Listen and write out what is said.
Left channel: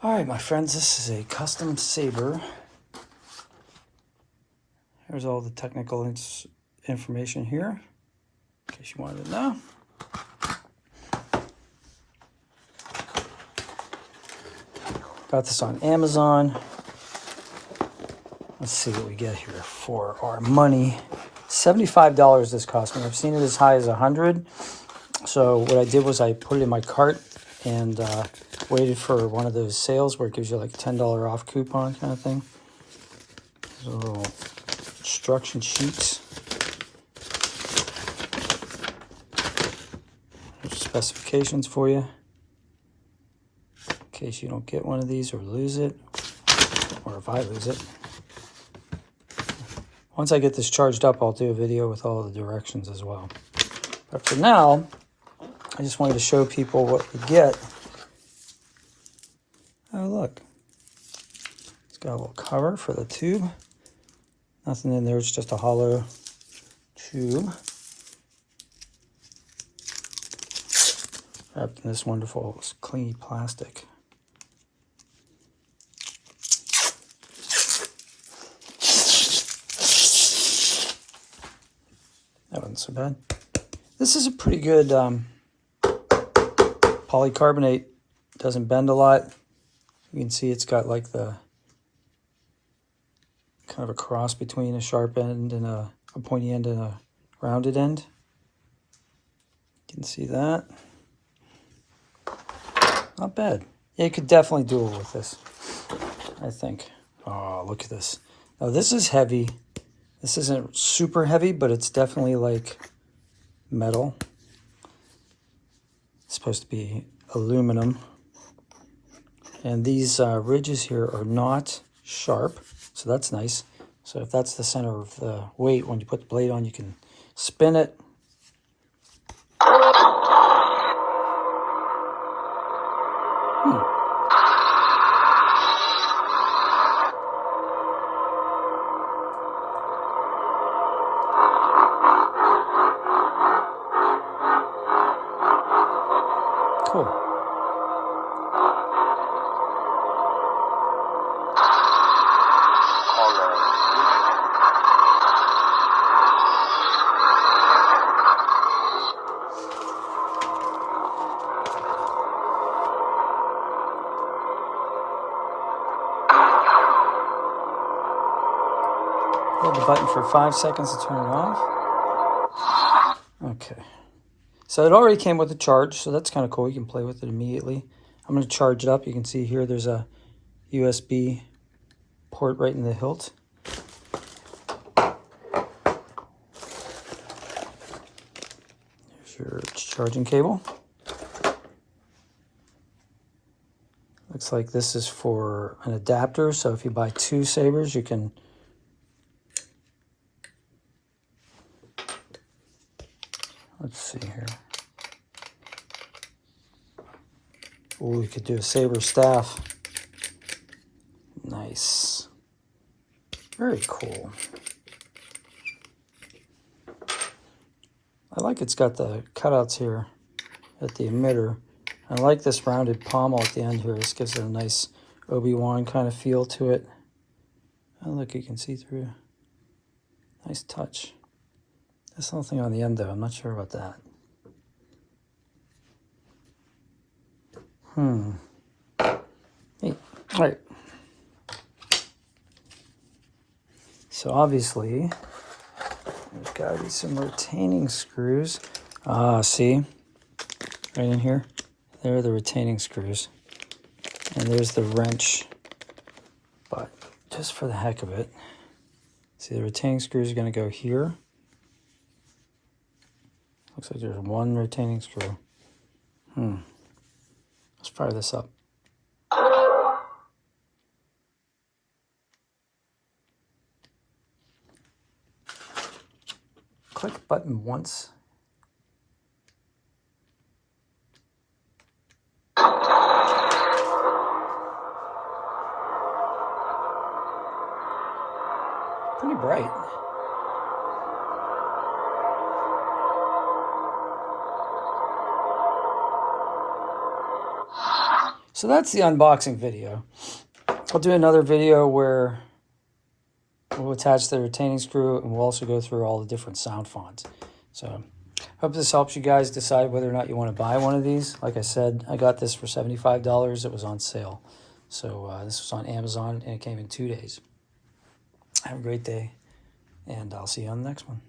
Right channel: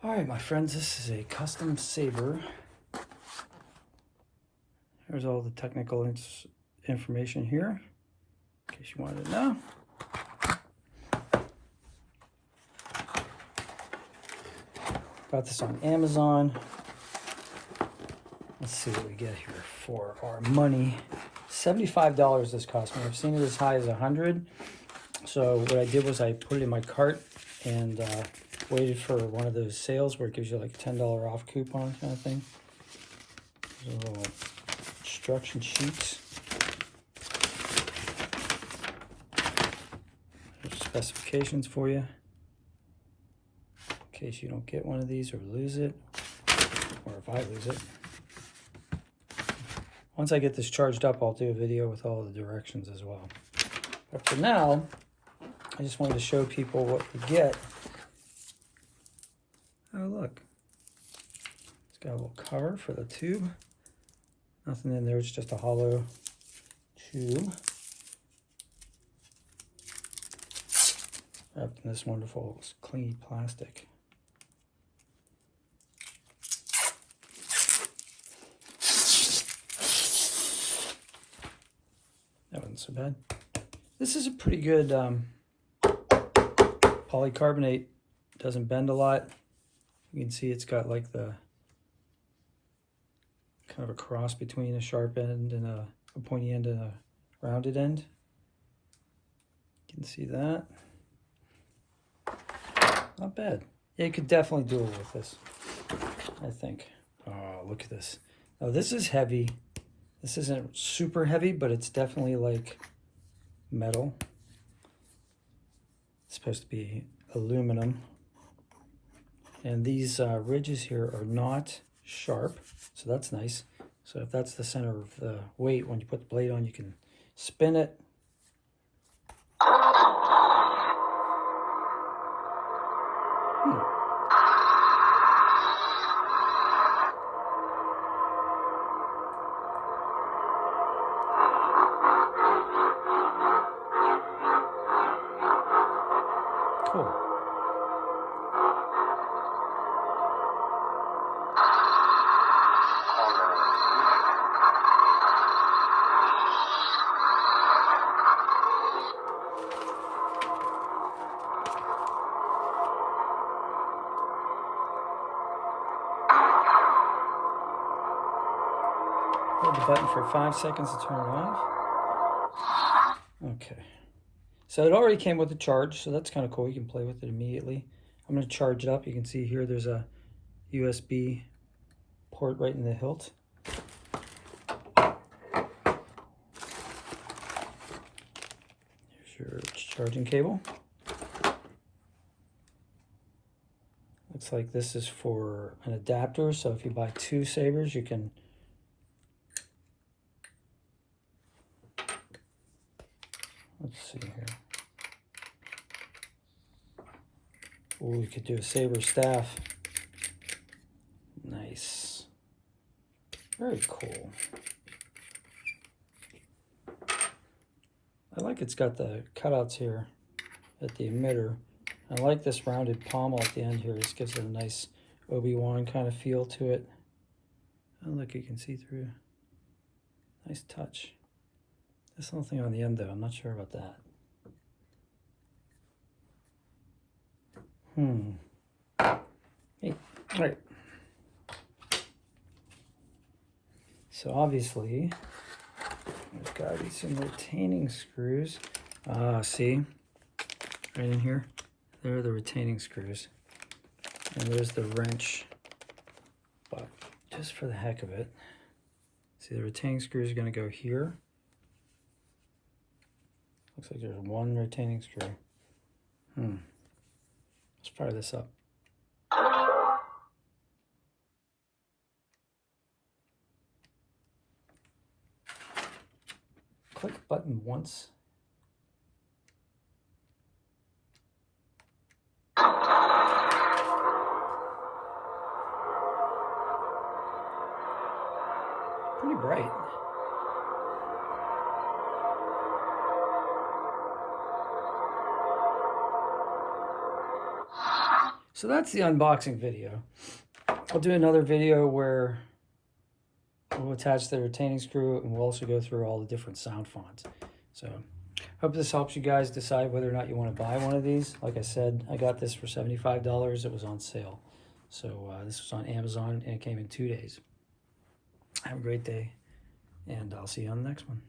All right, my friends, this is a custom Saber. Here's all the technical information here, in case you wanted to know. Got this on Amazon. Let's see what we get here for our money. $75 this cost me. I've seen it as high as $100. So what I did was I put it in my cart and waited for one of those sales where it gives you like a $10 off coupon kind of thing. There's a little instruction sheets. There's specifications for you in case you don't get one of these or lose it, or if I lose it. Once I get this charged up, I'll do a video with all the directions as well. But for now, I just wanted to show people what we get. Oh, look. It's got a little cover for the tube. Nothing in there, it's just a hollow tube. Wrapped in this wonderful clean plastic. That wasn't so bad. This is a pretty good polycarbonate. Doesn't bend a lot. You can see it's got like the kind of a cross between a sharp end and a pointy end and a rounded end. You can see that. Not bad. Yeah, you could definitely duel with this, I think. Oh, look at this. Now this is heavy. This isn't super heavy, but it's definitely like metal. It's supposed to be aluminum. And these ridges here are not sharp, so that's nice. So if that's the center of the weight, when you put the blade on, you can spin it. Cool. Hold the button for 5 seconds to turn it off. Okay. So it already came with a charge, so that's kind of cool. You can play with it immediately. I'm going to charge it up. You can see here there's a USB port right in the hilt. There's your charging cable. Looks like this is for an adapter, so if you buy 2 sabers, you can let's see here. Oh, you could do a saber staff. Nice. Very cool. I like it's got the cutouts here at the emitter. I like this rounded pommel at the end here. This gives it a nice Obi-Wan kind of feel to it. Oh, look, you can see through. Nice touch. There's something on the end though, I'm not sure about that. Neat. All right. So obviously, we've got some retaining screws. Ah, see? Right in here. There are the retaining screws. And there's the wrench. But just for the heck of it, see the retaining screws are going to go here. Looks like there's one retaining screw. Let's fire this up. Click button once. Pretty bright. So that's the unboxing video. I'll do another video where we'll attach the retaining screw, and we'll also go through all the different sound fonts. So hope this helps you guys decide whether or not you want to buy one of these. Like I said, I got this for $75. It was on sale. So this was on Amazon, and it came in 2 days. Have a great day, and I'll see you on the next one.